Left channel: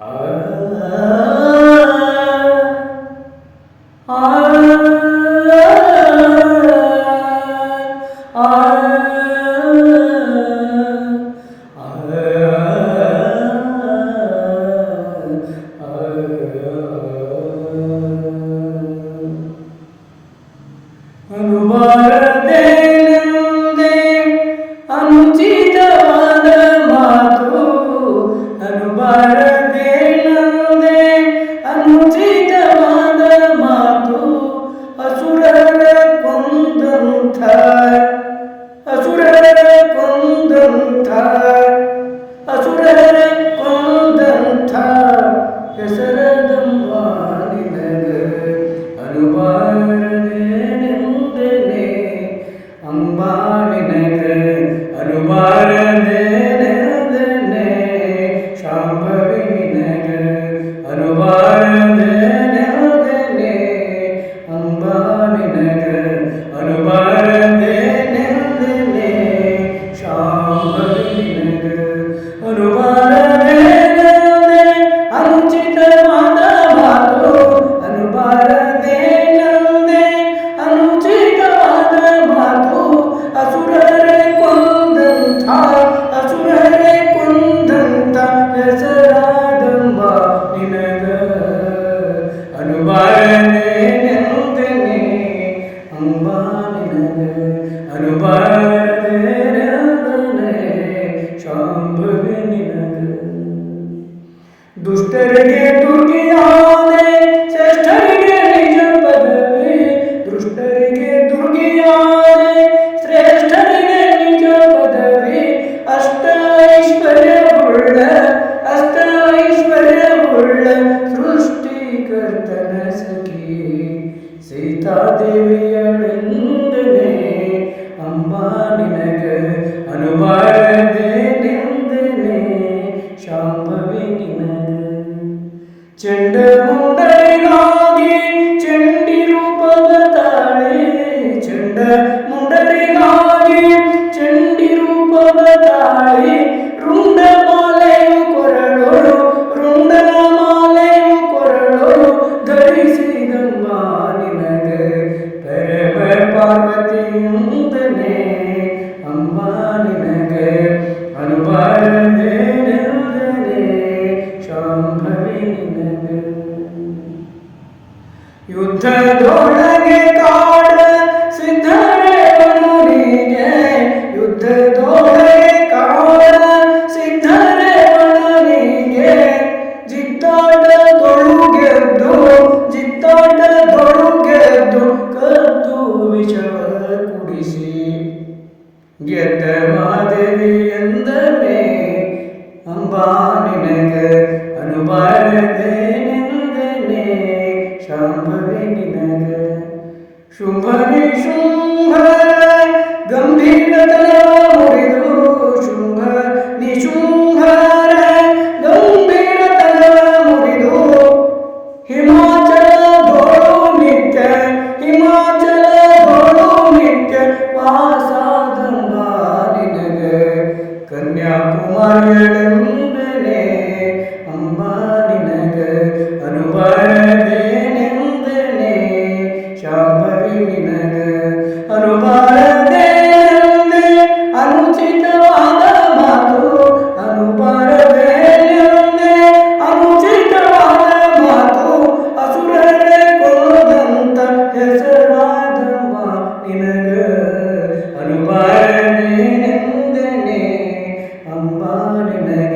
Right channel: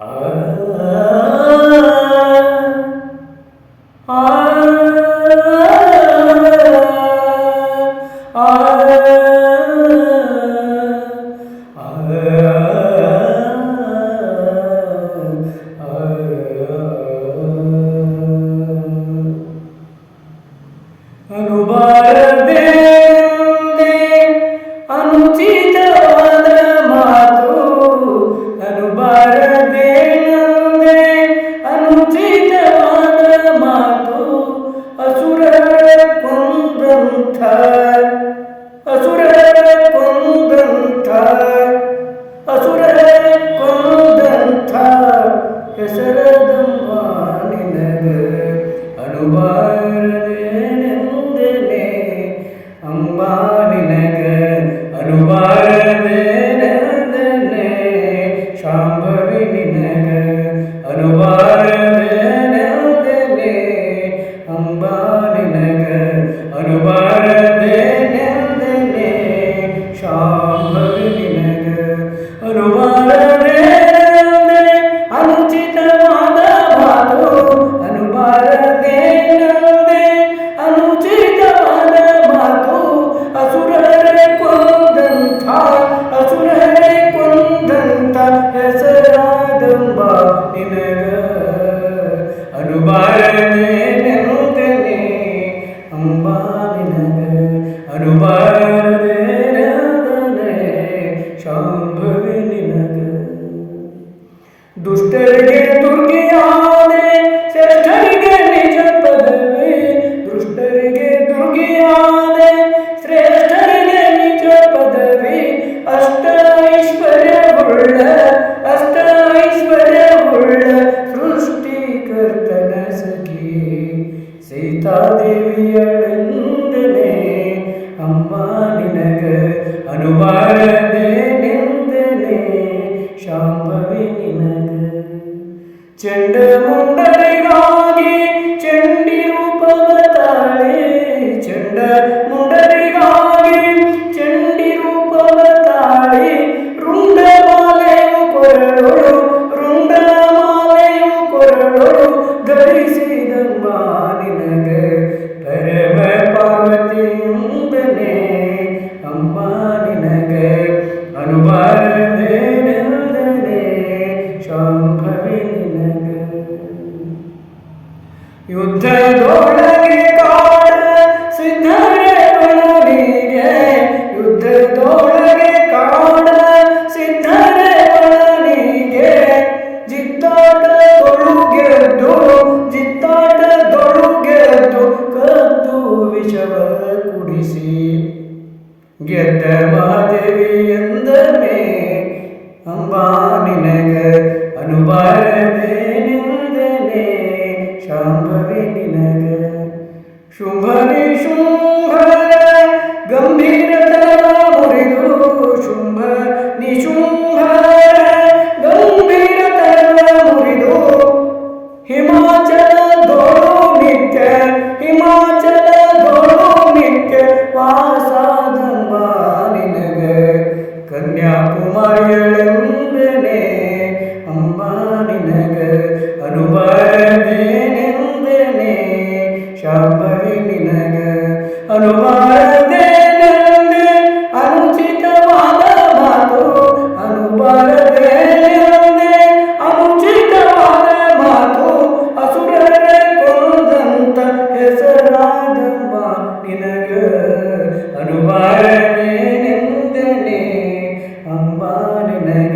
ಆ ಆ ಆ ಅನುಬಾರದೆ ಅನುಚಿತವಾದ ಮಾತು ಅನುಬಾರದೆ ಅನುಚಿತವಾದ ಮಾತು ಅಸುರರ ಕೊಂದಂಥ ಅಸುರರ ಕೊಂದಂಥ ಅಸುರರ ಕೊಂದಂಥ ಹೆಸರದಂಬ ನಿನಗ ಅನುಬಾರದೇನೆಂದನೆ ಅಂಬಾ ನಿನಗ ಅನುಬಾರದೇನೆಂದನೆ ಶಾಂಭವಿ ನಿನಗ ಅನುಬಾರದೇನೆಂದನೆ ಅಂಬಾ ನಿನಗ ಅನುಬಾರದೇನೆಂದನೆ ಶಾಂಭವಿ ನಿನಗ ಅನುಬಾರದೇನೆಂದೆ ಅನುಚಿತವಾದ ಮಾತು ಅನುಬಾರದೇನೆಂದೆ ಅನುಚಿತವಾದ ಮಾತು ಅಸುರರೇ ಕೊಂದಂಥ ಅಸುರರೇ ಕೊಂದಂಥ ಹೆಸರಾದಂಬ ನಿನಗ ಅನುಬಾರದೇನೆಂದನೆ ಅಂಬಾ ನಿನಗ ಅನುಬಾರದೇನೆಂದನೆ ಶಾಂಭವಿ ನಿನಗ ದುಷ್ಟರಿಗೆ ದುರ್ಗಿಯಾದೆ ಶ್ರೇಷ್ಠರಿಗೆ ನಿಜ ಪದವಿ ದುಷ್ಟರಿಗೆ ದುರ್ಗಿಯಾದೆ ಶ್ರೇಷ್ಠರಿಗೆ ನಿಜ ಪದವಿ ಅಷ್ಟ ಐಶ್ವರ್ಯವುಳ್ಳ ಸೃಷ್ಟಿಕರ್ತನ ಸಖಿ ಸೀತಾದೇವಿಯಳೆಂದನೆ ಅಂಬಾ ನಿನಗ ಅನುಬಾರದೇನೆಂದನೆ ಶಾಂಭವಿ ನಿನಗ ಚಂಡಮುಂಡರಿಗಾಗಿ ಚಂಡಿ ರೂಪವ ತಾಳೆ ಚಂಡಮುಂಡರಿಗಾಗಿ ಚಂಡಿ ರೂಪವ ತಾಳೆ ರುಂಡಮಾಲೆಯು ಕೊರಳೊಳು ಧರಿಸಿದಂಬ ನಿನಗ ಪರಮ ಪಾರ್ವತಿಯೆಂದನೆ ಅಂಬಾ ನಿನಗ ಅನುಬಾರದೇನೆಂದನೆ ಶಾಂಭವಿ ನಿನಗ ಯುದ್ಧದೊಳಗೆ ಕಾಡ ಸಿದ್ಧರೇವಣನಿಗೆ ಯುದ್ಧದೊಳಗೆ ಕಾಡ ಸಿದ್ಧರೇವಣನಿಗೆ ಜಿದ್ದಾಟದೊಳು ಕದ್ದು ವಿಷವ ಕುಡಿಸಿ ಗೆದ್ದ ಮಹಾದೇವಿ ಎಂದನೆ ಅಂಬಾ ನಿನಗ ಅನುಬಾರದೇನೆಂದನೆ ಶಾಂಭವಿ ನಿನಗ ಶುಂಭನಿ ಶುಂಭರ ಗಂಭೀರತನ ಮುರಿದು ಶುಂಭನಿ ಶುಂಭರ ಗಂಭೀರತನ ಮುರಿದು ಹಿಮಾಚಲದೊಳು ನಿತ್ಯ ವಾಸಾದಂಬ ನಿನಗ ಕನ್ಯಾಕುಮಾರಿಯಳೆಂದನೆ ಅಂಬಾ ನಿನಗ ಅನುಬಾರದೇನೆಂದನೆ ಶಾಂಭವಿ ನಿನಗ ಅನುಬಾರದೇನೆಂದೆ ಅನುಚಿತವಾದ ಮಾತು ಅನುಬಾರದೇನೆಂದೆ ಅನುಚಿತವಾದ ಮಾತು ಅಸುರರೇ ಕೊಂದಂಥ ಹೆಸರಾದಂಬ ನಿನಗ ಅನುಬಾರದೇನೆಂದನೆ ಅಂಬಾ ನಿನಗ